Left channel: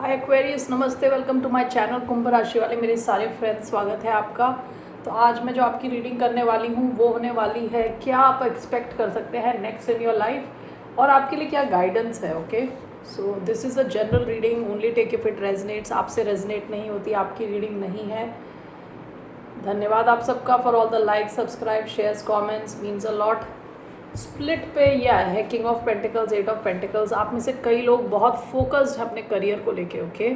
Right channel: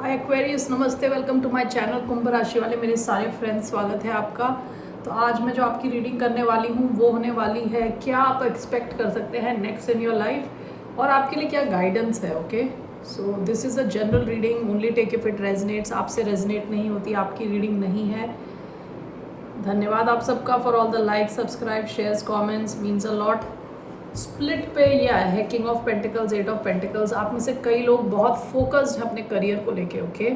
हाय Aquarius, नमस्ते, welcome to my channel कुंभ राशि वाले मेरे सारे फ्रेंड्स, स्वागत है आपका। तो आज मैं जो आपकी रीडिंग करने वाली हूँ वो होने वाली है क्या आप एक्सपेक्ट कर सकते हैं नेक्स्ट इन योर लाइफ और आपके लिए क्या गाइडेंस है। Okay, so this is a general reading, only take if it resonates. आपसे रेजनेट नहीं होती, आपकी रीडिंग नहीं है। धन्यवाद आप सबका for all the like, subscribe, shares, comments, means a lot. Split पे यह है king of pentacles, eight of pentacles. आप में से कई लोग बहुत फोकस्ड हैं अपने करियर को लेके। ओके,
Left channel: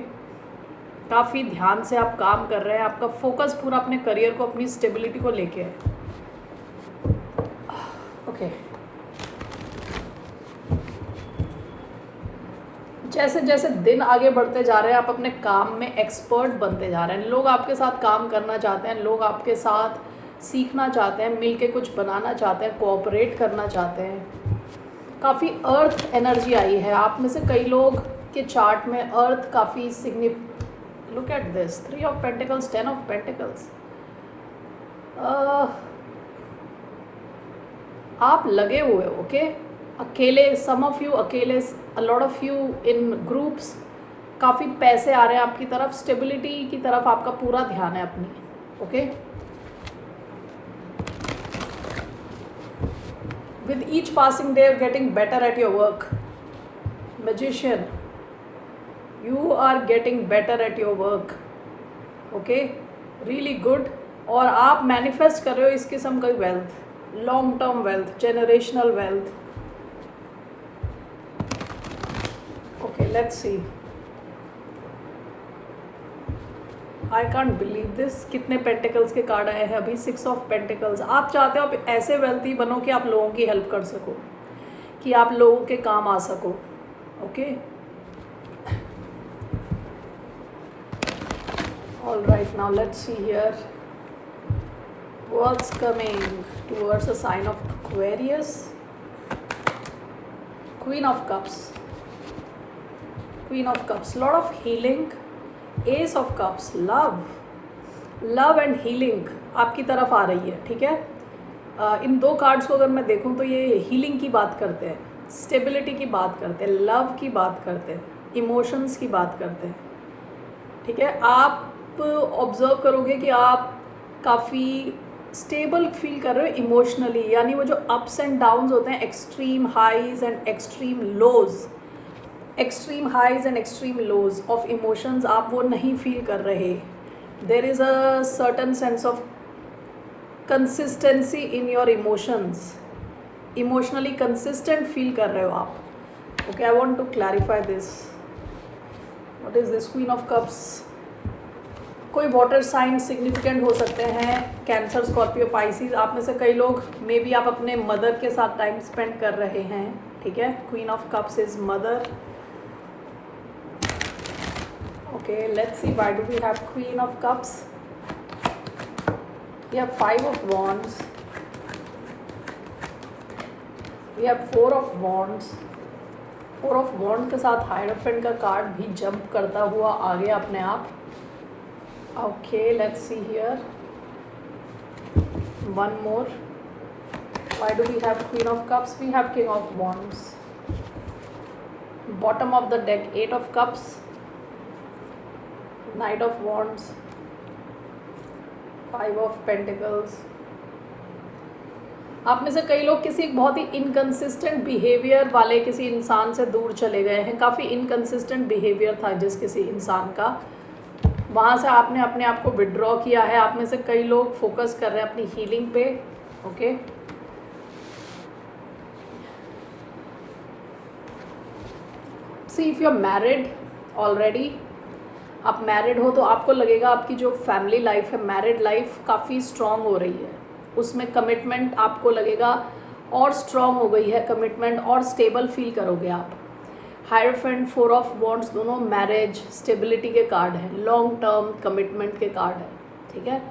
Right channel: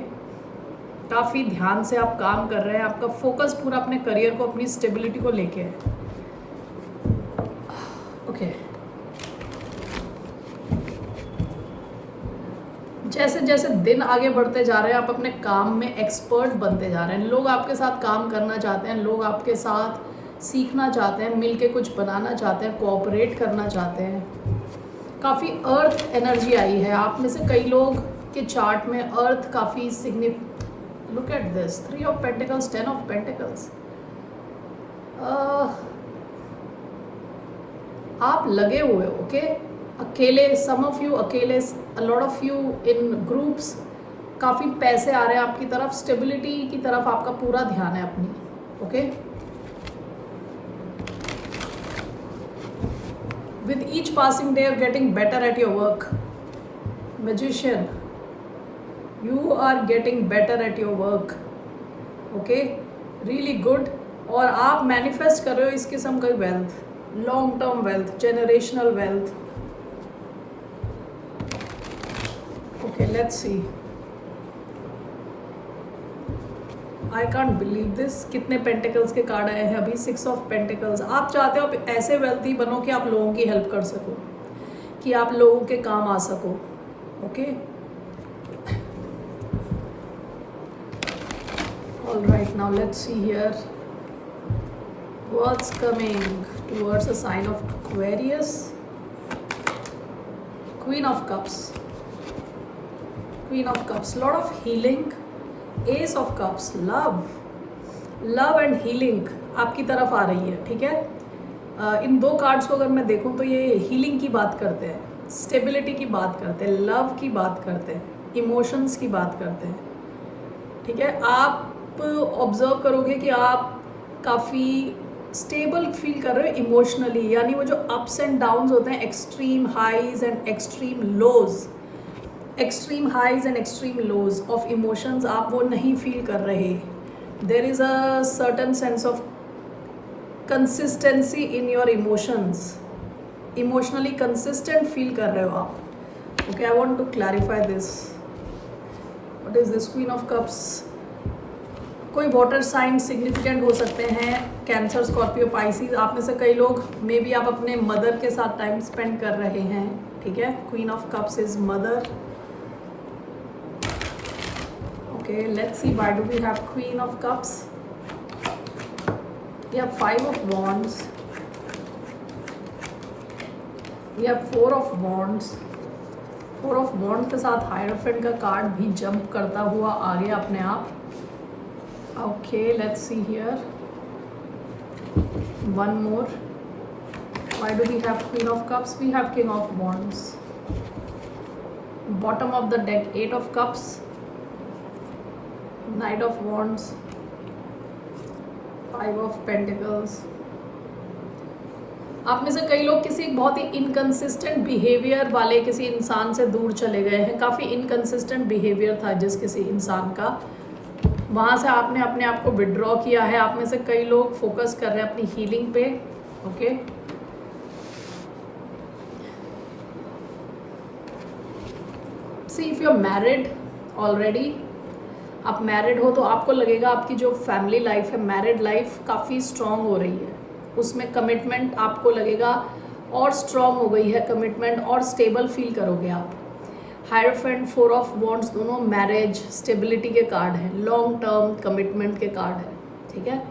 काफ़ी ध्यान से आप काम कर रहे हैं, आपका फोकस पूरा अपने करियर को, अपनी स्टेबिलिटी को लेके है। ओके, जैसे जैसे दिन आगे बढ़ते जा रहे हैं आप अपने काम में एक्सपर्ट बनते जा रहे हैं। लोग आपके साथ काम करना चाहते हैं, लोग आपके साथ सीखना चाहते हैं, मिलके कुछ बनाना चाहते हैं, कोऑपरेट करना चाहते हैं। काफ़ी अर्थ एनर्जी आई है आप में से कई लोग के चार्ट में। अर्थ काफ़ी significant. Look at this, 3 of pentacles, 10 of pentacles. आप लगे हुए हो। ओके, अकेले, सम ऑफ यू अकेले, a lot of you in groups. काफ़ी पैसे आ रहे हैं आपकी तरफ, स्टेबिलिटी की तरफ आपका पूरा ध्यान है अपनी। Okay, with each passing day you're getting better at your work. Magician, you are getting better at your work. Okay, really good. और आप मैनिफेस्ट कर रहे हो इस किस्म का wealth, long term wealth, generational wealth. Okay, let's C. I can't believe this, कितने pentacles के कार्ड आए हैं अभी। 6 ऑफ पेंटिकल्स। आप चाहते हो ऐसे वेल्थी बनो कि आप लोगों की हेल्प कर सको, कि आप लोगों के काम आ सको। Okay, all right, now let's see here what's coming towards the sign of Aquarius. Queen of Cups, Queen of Cups, lot of healing. Ace of Cups, love and healing आपकी तरफ आ रही है। ठीक है, इन दो कार्ड्स को अगर मैं देखूं तो ये हीलिंग की बात करते हैं, स्टेबिलिटी की बात करते हैं, लव की बात करते हैं, इमोशंस की बात करते हैं। ठीक है, आप ऑब्जर्व करोगे कि आप काफ़ी स्टेबल फील कर रहे हो इमोशनली, यानी वो जो अप्स एंड डाउन्स होते हैं, extreme highs and extreme lows, extreme highs and extreme lows of emotions आप वो नहीं फील कर रहे। There is a certain sense of consistency in your emotions, emotionally consistent feel कर रहे हो आप। Okay, I want to clarify this. What is this? Queen of cups. कोई वाटर साइन सिग्निफिकेंट हो सकते हैं, कैंसर, स्कॉर्पियो, पाइसिस। आप में से कई लोग मे बी आप अपने मदर के साथ टाइम स्पेंड कर रहे हैं। ठीक है, queen of cups is mother. Okay, let's see why do we have queen of cups. We have 5 of wands, we have 4 of wands. 4 of wand के साथ हायरोफेंट का कार्ड भी जंप करता हुआ आ गया अपने आप। Okay, let's see here. One more. Why do we have Queen of Cups? We have King of Wands. Bottom of the deck, 8 of Cups, Knight of Wands, 5 of Pentacles. आप में से कई लोग किसी बहुत ही इनकंसिस्टेंट बिहेवियर वाले किसी इंसान से दूर चले गए हैं। काफ़ी इनकंसिस्टेंट बिहेवियर था जिस किसी इंसान का, वहाँ से आपने अपने आप को विड्रॉ किया है। आप में से कई लोग फोकस कर रहे हैं अपनी हीलिंग पे। Okay, see if you are married already, आप मैरिड हो तो आपको लगेगा आपकी जो फैमिली लाइफ है, मैरिड लाइफ काफ़ी स्ट्रॉन्ग हो रही है, उसमें कमिटमेंट आपको लगेगा और स्ट्रॉन्ग हो गई है कमिटमेंट, और स्टेबल फील करोगे आप। हायरोफेंट, 4 ऑफ वॉन्ड्स, दोनों मैरिज, स्टेबिलिटी के कार्ड हैं, लॉन्ग टर्म कमिटमेंट के कार्ड हैं। ठीक है,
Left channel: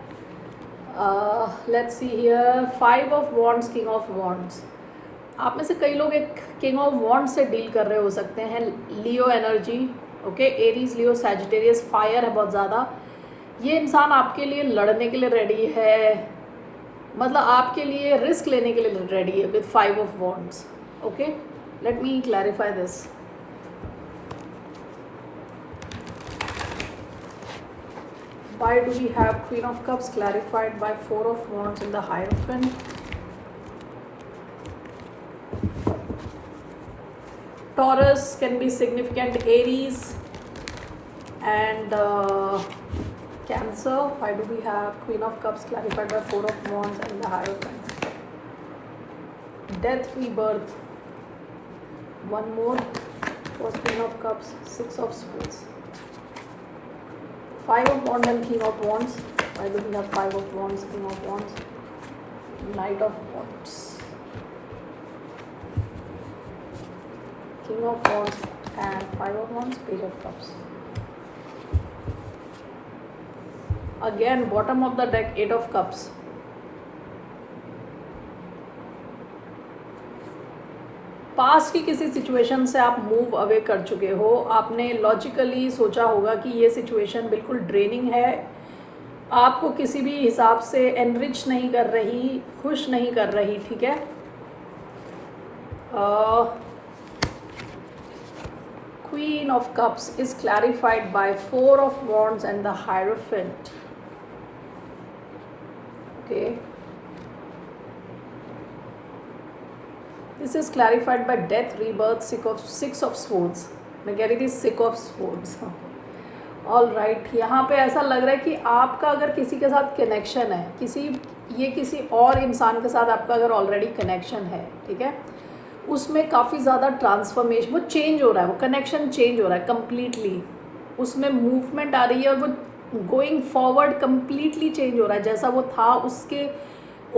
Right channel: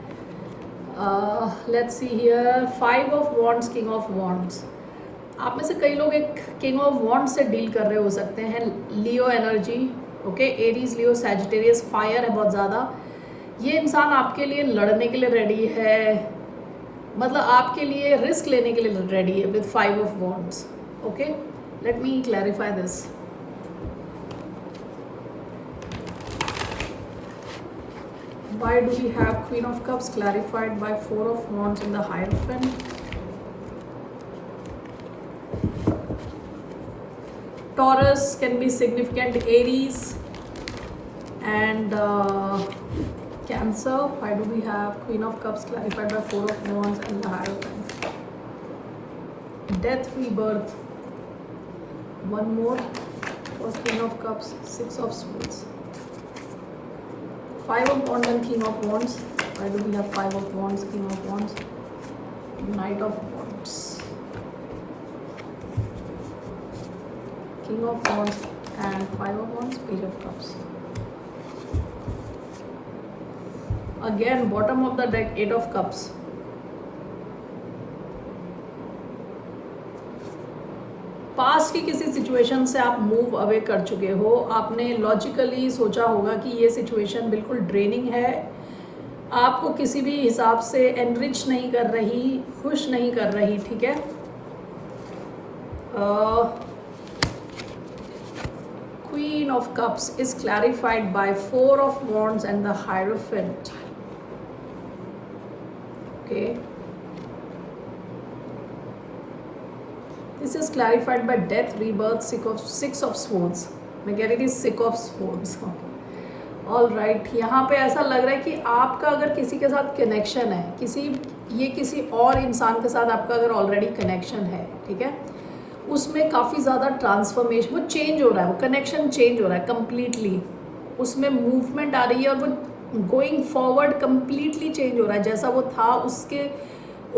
let's see here 5 of wands, king of wands. आप में से कई लोग एक किंग ऑफ वॉन्ड्स से डील कर रहे हो सकते हैं। लियो एनर्जी, ओके, एरीज, लियो, सैजिटेरियस, फायर है बहुत ज़्यादा। ये इंसान आपके लिए लड़ने के लिए रेडी है, मतलब आपके लिए रिस्क लेने के लिए रेडी है with 5 of wands. Okay, let me clarify this. Why do we have Queen of Cups clarified by Four of Wands in the Hierophant? Taurus can be significant, Aries and Cancer. Why do we have Queen of Cups clarified by Four of Wands and the Hierophant? Death, rebirth. One more was Queen of Cups, Six of Swords. Five of Wands and King of Wands. Why do we have Five of Wands, King of Wands, Knight of Wands? King of Wands and Five of Wands, Page of Cups. Again, bottom of the deck, Eight of Cups. Past की किसी situation से आप move away कर चुके हो, आपने logically सोचा होगा कि ये सिचुएशन बिल्कुल ड्रेनिंग है, आपको किसी भी हिसाब से एनरिच नहीं कर रही, खुश नहीं कर रही, ठीक है। Queen of Cups is clarified by Four of Wands and the Hierophant. Okay. This is clarified by Death, Rebirth, Six of Swords. मैं कह रही थी Six of Swords. All right. यहाँ पे ऐसा लग रहा है कि आपका अगर किसी के साथ कनेक्शन है, किसी और इंसान के साथ आपका अगर ऑलरेडी कनेक्शन है, ठीक है, उसमें काफ़ी ज़्यादा ट्रांसफॉर्मेशन, वो चेंज हो रहा है, वो कनेक्शन चेंज हो रहा है कम्प्लीटली, उसमें मूवमेंट आ रही है और वो गोइंग फॉरवर्ड कम्प्लीटली चेंज हो रहा है, जैसा वो था उसके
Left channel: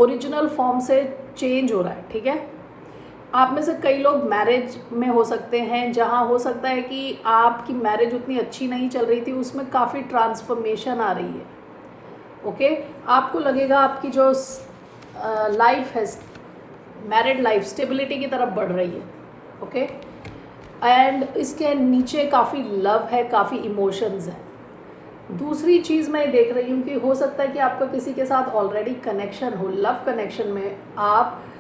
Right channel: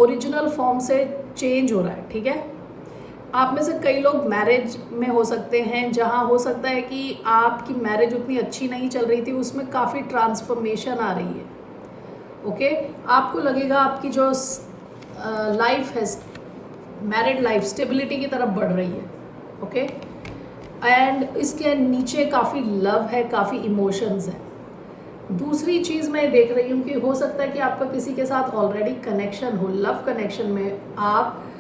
ओरिजिनल फॉर्म से चेंज हो रहा है, ठीक है। आप में से कई लोग मैरिज में हो सकते हैं, जहाँ हो सकता है कि आपकी मैरिज उतनी अच्छी नहीं चल रही थी, उसमें काफ़ी ट्रांसफॉर्मेशन आ रही है, ओके। आपको लगेगा आपकी जो लाइफ है, मैरिड लाइफ स्टेबिलिटी की तरफ बढ़ रही है, ओके। एंड इसके नीचे काफ़ी लव है, काफ़ी इमोशंस है। दूसरी चीज़ मैं देख रही हूँ कि हो सकता है कि आपका किसी के साथ ऑलरेडी कनेक्शन हो, लव कनेक्शन में आपका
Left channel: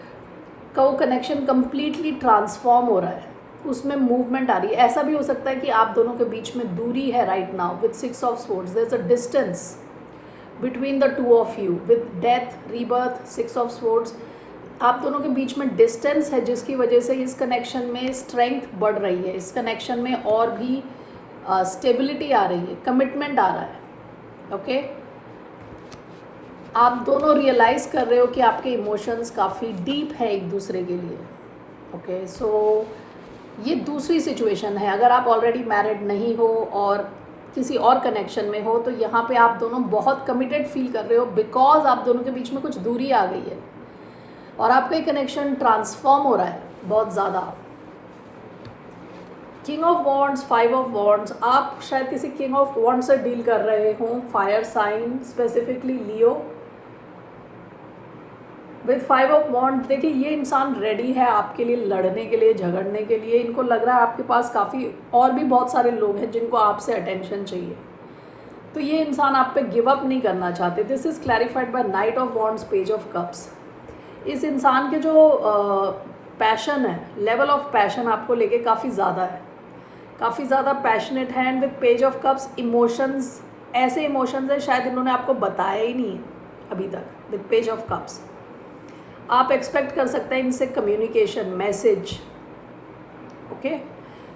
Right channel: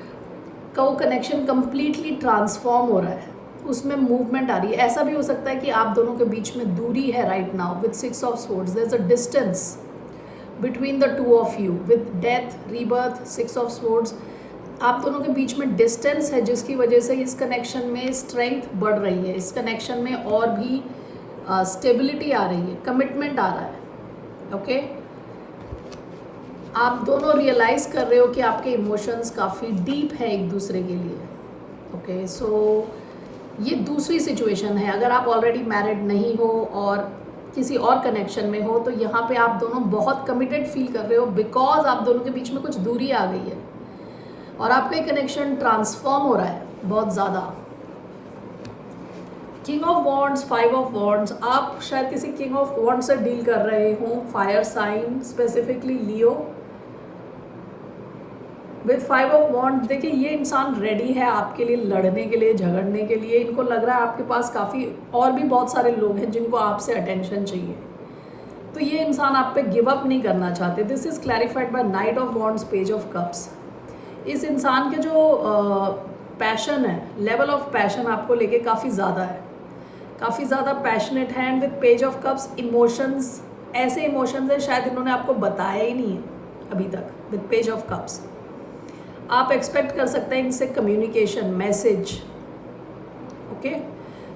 वो कनेक्शन कम्प्लीटली ट्रांसफॉर्म हो रहा है, उसमें मूवमेंट आ रही है। ऐसा भी हो सकता है कि आप दोनों के बीच में दूरी है right now with Six of Swords, there is a distance between the two of you with death, rebirth, Six of Swords। आप दोनों के बीच में डिस्टेंस है, जिसकी वजह से इस कनेक्शन में स्ट्रेंथ बढ़ रही है, इस कनेक्शन में और भी स्टेबिलिटी आ रही है, कमिटमेंट आ रहा है, ओके। आप दोनों रियलाइज़ कर रहे हो कि आपके इमोशंस काफ़ी डीप है एक दूसरे के लिए, ओके। सो ये दूसरी सिचुएशन है। अगर आप ऑलरेडी मैरिड नहीं हो और किसी और कनेक्शन में हो, तो यहाँ पे आप दोनों बहुत कमिटेड फील कर रहे हो, बिकॉज आप दोनों के बीच में कुछ दूरी आ गई है और आपका कनेक्शन ट्रांसफॉर्म हो रहा है बहुत ज़्यादा। King of wands, five of wands, आप शायद किसी किंग ऑफ वॉन्ड से डील कर रहे हो, fire sign, specifically Leo. With five of wand, देखिए ये इंसान रेडी है आपके लिए लड़ने के लिए, झगड़ने के लिए। इनको लग रहा है आपके पास काफ़ी और भी बहुत सारे लोग हैं जिनको आपसे अटेंशन चाहिए, तो ये इंसान आप पे गिव अप नहीं करना चाहते। This is clarified by knight of wands, page of cups. इस इंसान के जो पैशन है, लेवल ऑफ पैशन आपको लेके काफ़ी ज़्यादा है, काफ़ी ज़्यादा पैशनेट है। And with page of cups, emotions, ऐसे इमोशंस हैं शायद इन्होंने आपको बताया ही नहीं है अभी तक। विद पेज ऑफ कप्स आप एक्सपेक्ट कर सकते हैं इनसे कम्युनिकेशन, मैसेज, ओके।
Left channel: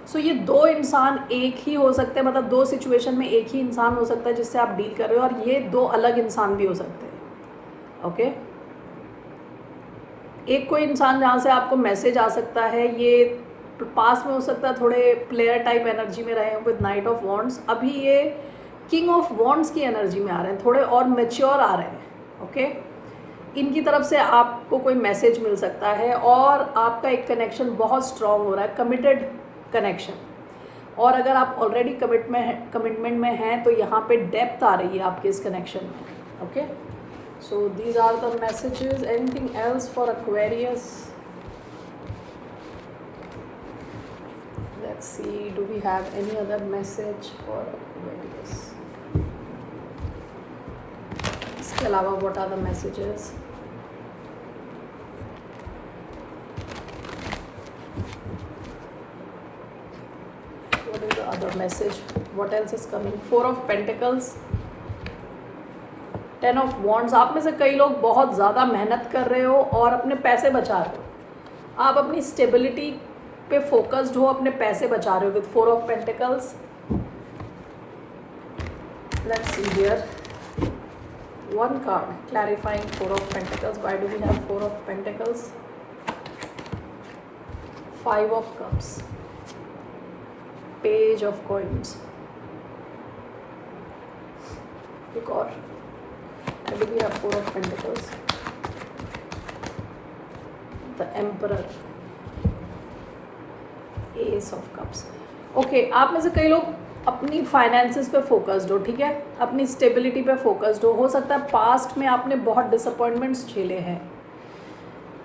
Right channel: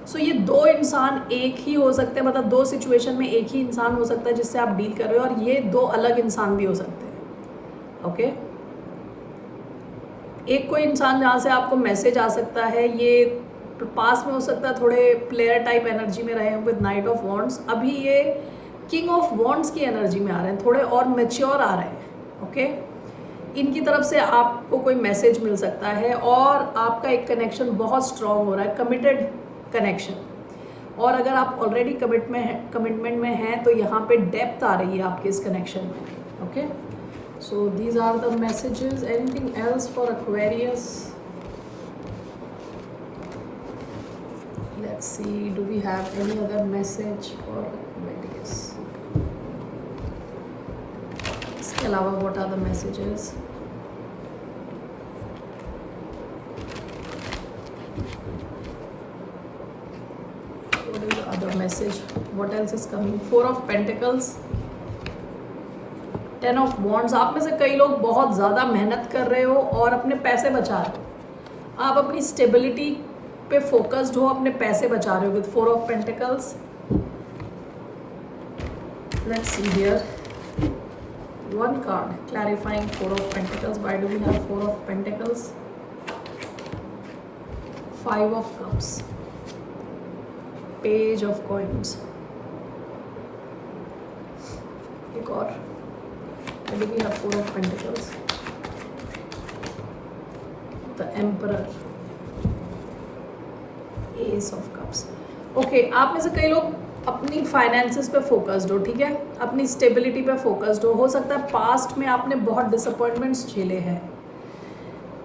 सो ये दो इंसान एक ही हो सकते हैं, मतलब दो सिचुएशन में एक ही इंसान हो सकता है जिससे आप डील कर रहे हो, और ये दो अलग इंसान भी हो सकते हैं, ओके। एक कोई इंसान जहाँ से आपको मैसेज आ सकता है, ये पास में हो सकता है, थोड़े प्लेयर टाइप एनर्जी में रहे हैं विद नाइट ऑफ वॉन्ड्स। अभी ये किंग ऑफ वॉन्ड्स की एनर्जी में आ रहे हैं, थोड़े और मैच्योर आ रहे हैं, ओके। इनकी तरफ से आपको कोई मैसेज मिल सकता है और आपका एक कनेक्शन बहुत स्ट्रॉन्ग हो रहा है, कमिटेड कनेक्शन। और अगर आप ऑलरेडी कमिटमेंट में हैं तो यहाँ पे डेप्थ आ रही है आपके इस कनेक्शन में, okay. So these are the messages. Anything else for Aquarius? Let's see, do we have any other message for Aquarius? इसके अलावा what are the messages? What is the other message? What else is coming? Four of Pentacles. 10 of wands, आप में से कई लोग बहुत ज़्यादा मेहनत कर रहे हो और अपने पैसे बचा रहे हो। आप अपनी स्टेबिलिटी पे फोकस्ड हो, अपने पैसे बचा रहे हो with 4 of pentacles. Let's see here one card clarifying 4 of pentacles. Why do we have 4 of pentacles? 5 of cups, page of coins, एक और, why do we have 4 of pentacles? The emperor, ace of cups. Okay, आप में से कई लोग अपनी finances पे focused हो, ठीक है, अपनी स्टेबिलिटी पे फोकस्ड हो सकता है पास्ट में आपने बहुत डिसअपॉइंटमेंट्स झेले हैं।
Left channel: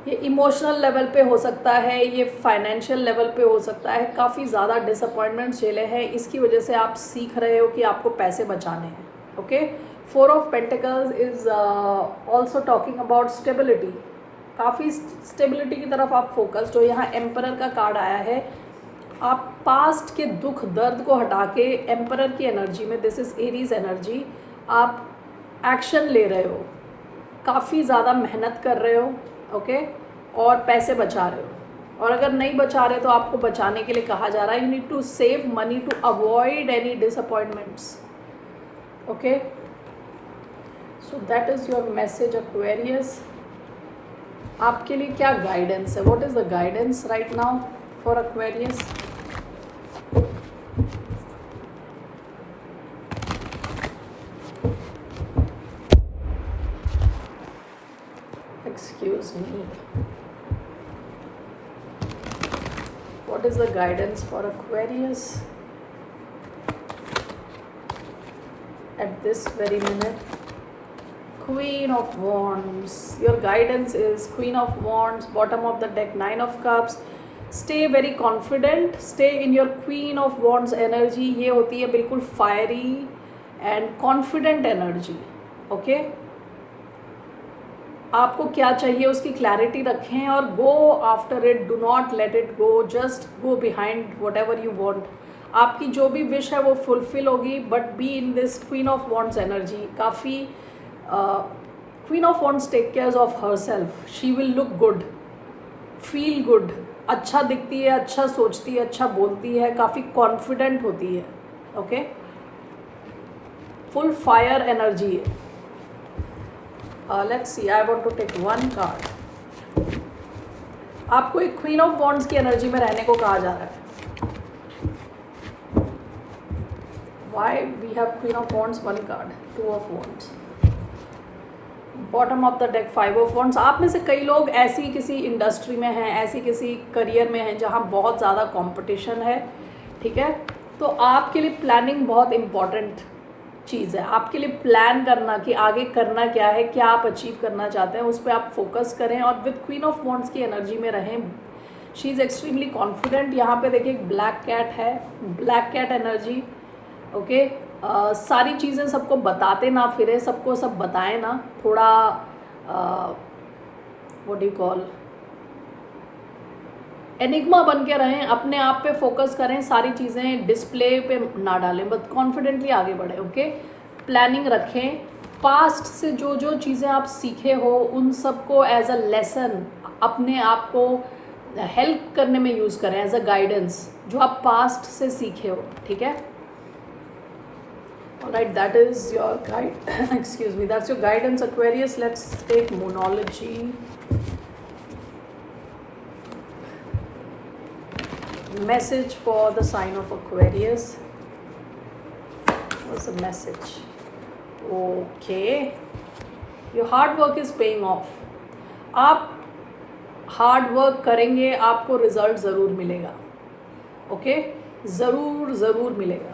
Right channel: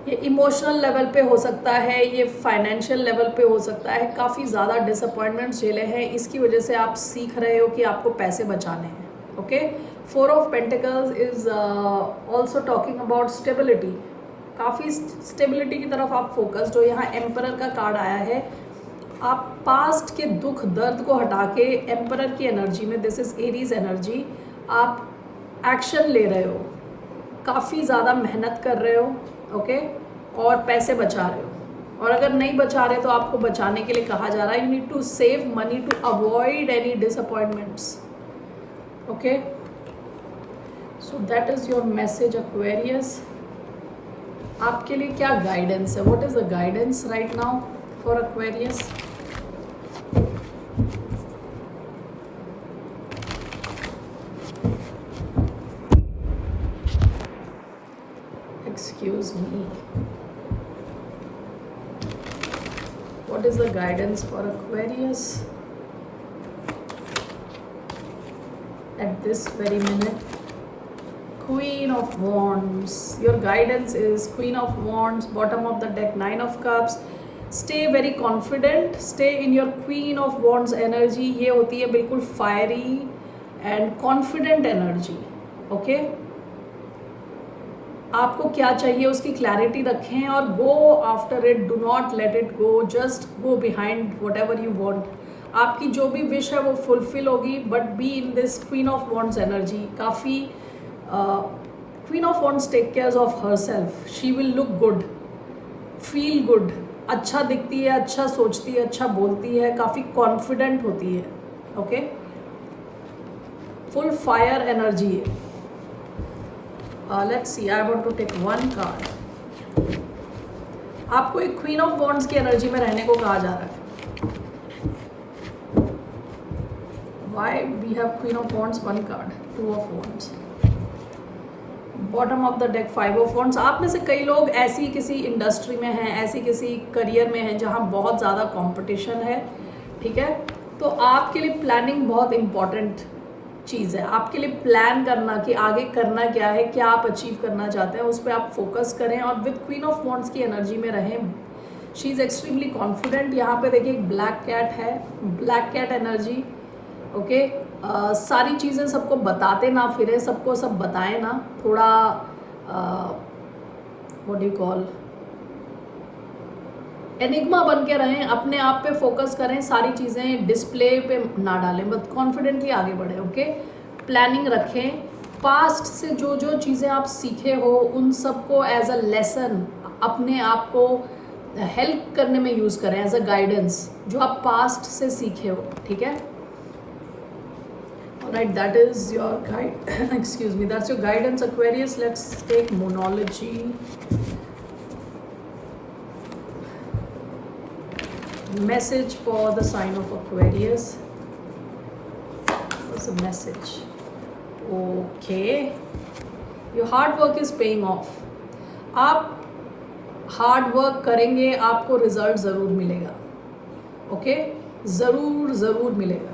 ये इमोशनल लेवल पे हो सकता है, ये फाइनेंशियल लेवल पे हो सकता है, काफ़ी ज़्यादा डिसअपॉइंटमेंट्स झेले हैं। इसकी वजह से आप सीख रहे हो कि आपको पैसे बचाने हैं। Okay, 4 of pentacles is also talking about stability, काफ़ी स्टेबिलिटी की तरफ आप फोकस्ड हो। यहाँ एम्परर का कार्ड आया है, आप पास्ट के दुख दर्द को हटा के एम्परर की एनर्जी में, दिस इज़ एरीज एनर्जी, आप एक्शन ले रहे हो, काफ़ी ज़्यादा मेहनत कर रहे हो, ओके, और पैसे बचा रहे हो। और अगर नहीं बचा रहे तो आपको बचाने के लिए कहा जा रहा है, you need to save money to avoid any disappointments. Okay, so that is your message Aquarius. आपके लिए क्या गाइडेंस है? What is the guidance right now for Aquarius? Excuse me. What is the guidance for Aquarius at this very minute? Queen of Wands. Your guidance is Queen of Wands, bottom of the deck, 9 of Cups. Stay very confident. Stay in your Queen of Wands energy. ये होती है बिल्कुल fiery and confident energy. Okay? आपको क्या चाहिए उसकी clarity रखें और go after it, do not let it go, just go behind whatever you want. आपकी जो भी विश है वो फुलफिल होगी, but be in this queen of wands energy. काफ़ी queen of wands take care of herself, she will look good, feel good, अच्छा दिखती है, अच्छा सोचती है, अच्छा बोलती है, काफ़ी कॉन्फिडेंट होती है। ओके, फुल फायर एनर्जी है। Let's see, I want to take one card. आपको एक क्वीन ऑफ वॉन्ड्स की एनर्जी में रहने को कहा जा रहा है। Why we have Queen of Wands, one card, 2 of Wands, bottom of the deck, 5 of Wands। आप में से कई लोग ऐसी किसी इंडस्ट्री में हैं, ऐसी किसी करियर में हैं जहाँ बहुत ज़्यादा कंपटीशन है, ठीक है, तो आपके लिए प्लानिंग बहुत इम्पॉर्टेंट चीज़ है। आपके लिए प्लान करना कि आगे करना क्या है, क्या आप अचीव करना चाहते हैं, उस पर आप फोकस करें और विद क्वीन ऑफ वॉन्ड्स की एनर्जी में रहें। She is extremely confident. यहाँ पे देखिए एक ब्लैक कैट है, ब्लैक कैट एनर्जी। ओके, सारी चीज़ें सबको बताते ना फिरे, सबको सब बताएं ना, थोड़ा what do you call, enigma बन के रहें, अपने आप पे फोकस करें, सारी चीज़ें डिस्प्ले पे ना डालें, बट कॉन्फिडेंटली आगे बढ़ें। ओके, प्लानिंग रखें, पास्ट से जो जो चीज़ें आप सीखे हो उन सबको एज अ लेसन अपने आप को हेल्प करने में यूज़ करें, एज अ गाइडेंस, जो आप पास्ट से सीखे हो, ठीक है। Right, that is your guide, excuse me, that's your guidance Aquarius. Let's take monology. Message for the sign of Aquarius. What's the message? Okay, your hard work is paying off. आप hard work करेंगे, आपको result ज़रूर मिलेगा। Okay, ज़रूर मिलेगा।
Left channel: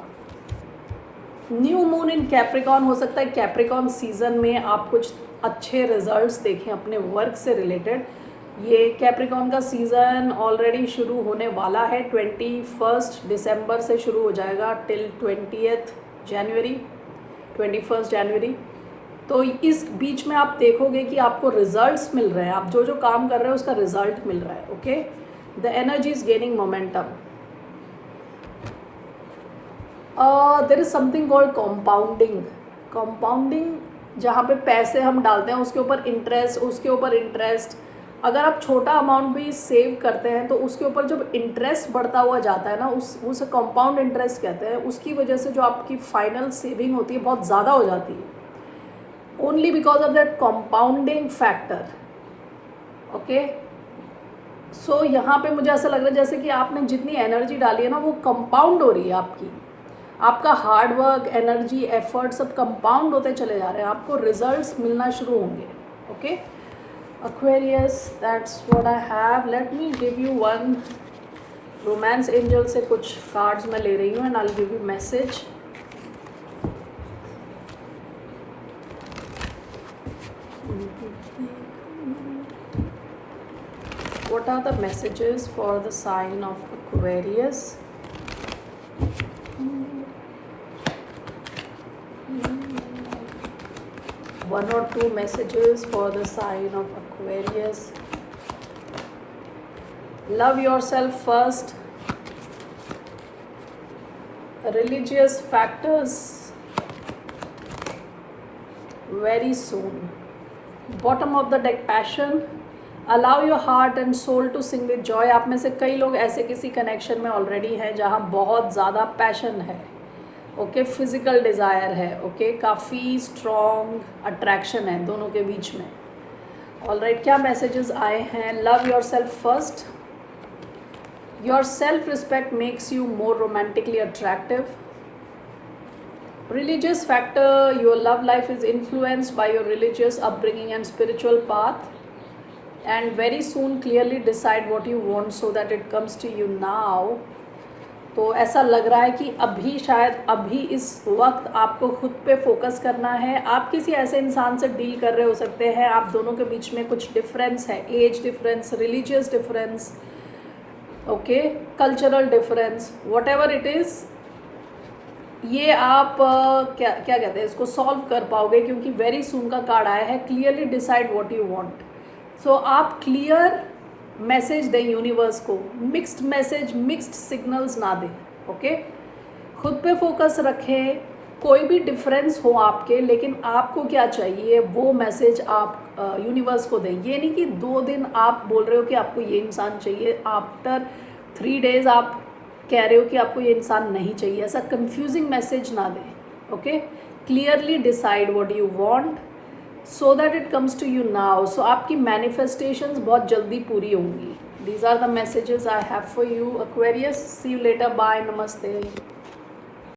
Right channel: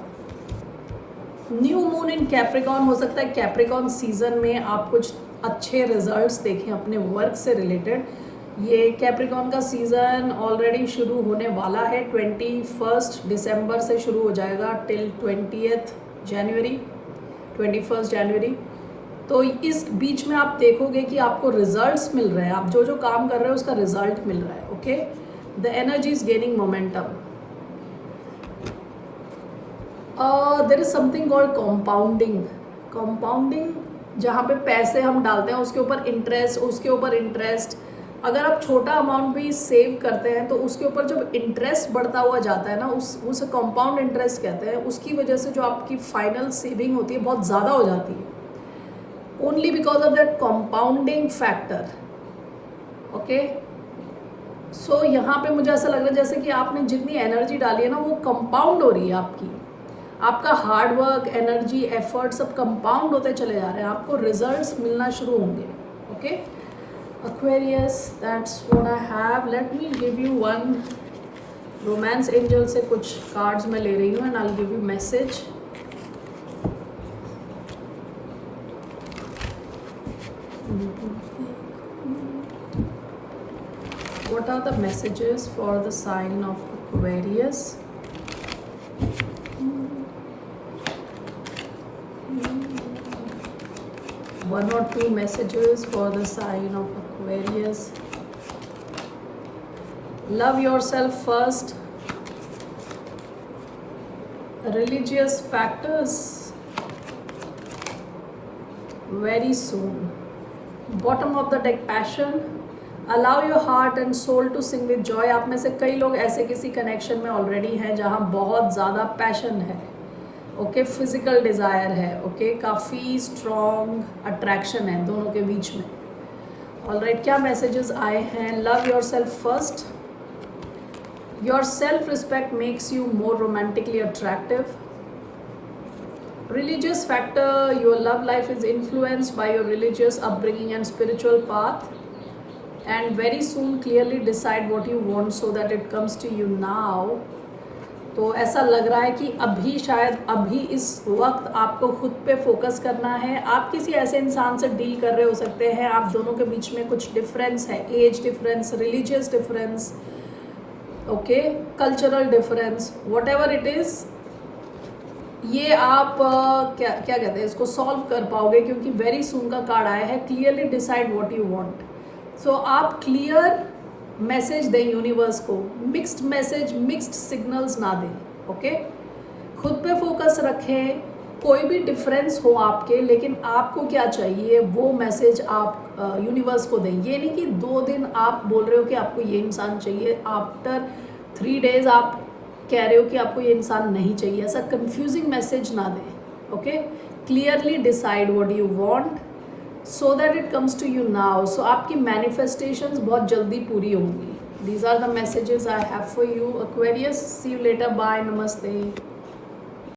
New moon in Capricorn, हो सकता है कैप्रिकॉन सीजन में आप कुछ अच्छे रिजल्ट्स देखें अपने वर्क से रिलेटेड। ये कैप्रिकॉन का सीज़न ऑलरेडी शुरू होने वाला है, 21 दिसंबर से शुरू हो जाएगा टिल 20 जनवरी, 21 जनवरी। तो इस बीच में आप देखोगे कि आपको रिजल्ट्स मिल रहे हैं, आप जो जो काम कर रहे हैं उसका रिजल्ट मिल रहा है। Okay, the energy is gaining momentum. There is something called compounding. Compounding जहाँ पे पैसे हम डालते हैं उसके ऊपर इंटरेस्ट, उसके ऊपर इंटरेस्ट। अगर आप छोटा अमाउंट भी सेव करते हैं तो उसके ऊपर जब इंटरेस्ट बढ़ता हुआ जाता है ना, उसे कंपाउंड इंटरेस्ट कहते हैं, उसकी वजह से जो आपकी फाइनल सेविंग होती है बहुत ज़्यादा हो जाती है, only because of that compounding factor. Okay, so यहाँ पे मुझे ऐसा लग रहा है जैसे कि आपने जितनी एनर्जी डाली है ना वो कंपाउंड हो रही है आपकी, आपका हार्ड वर्क, एनर्जी, एफर्ट सब कंपाउंड होते चले जा रहे हैं, आपको रिजल्ट्स मिलना शुरू होंगे। Okay Aquarius, that's what I have. Let me give you one romance angel से कुछ cards मैं ले रही हूँ and I'll give you message. What are the messages for the sign of Aquarius? One or two messages for the sign of Aquarius. Love yourself first. Religious factors very soon. Bottom of the deck, passion. Allow your heart and soul to sing with joy. आप में से कई लोग ऐसे किसी connection में already हैं जहाँ बहुत ज़्यादा पैशन है, ओके, फिजिकल डिज़ायर है, ओके, काफ़ी स्ट्रॉन्ग अट्रैक्शन है दोनों के बीच में। ऑलराइट, क्या मैसेजेस आए हैं? Love your self first. Your self respect makes you more romantically attractive. Religious factor, your love life is influenced by your religious upbringing and spiritual path, and very soon clearly decide what you want so that it comes to you now. तो ऐसा लग रहा है कि अभी शायद अभी इस वक्त आपको खुद पे फोकस करना है। आप किसी ऐसे इंसान से डील कर रहे हो सकते हैं, आप दोनों के बीच में कुछ डिफरेंस है, age difference, religious difference, okay, cultural difference, what ever it is, ये आप क्या कहते हैं इसको सॉल्व कर पाओगे क्योंकि वेरी सून का कार्ड आया है, clearly decide what you want. So आप क्लियर मैसेज दें यूनिवर्स को, मिक्स्ड मैसेज, मिक्स्ड सिग्नल्स ना दें। ओके, खुद पे फोकस रखें, कोई भी डिफरेंस हो आपके, लेकिन आपको क्या चाहिए वो मैसेज आप यूनिवर्स को दें। ये नहीं कि 2 दिन आप बोल रहे हो कि आपको ये इंसान चाहिए, आफ्टर 3 डेज आप कह रहे हो कि आपको ये इंसान नहीं चाहिए। ऐसा कंफ्यूजिंग मैसेज ना दें। Okay, clearly decide what you want so that it comes to you now. So आपकी मैनिफेस्टेशंस बहुत जल्दी पूरी होंगी। These are the messages I have for you Aquarius. See you later, bye, नमस्ते।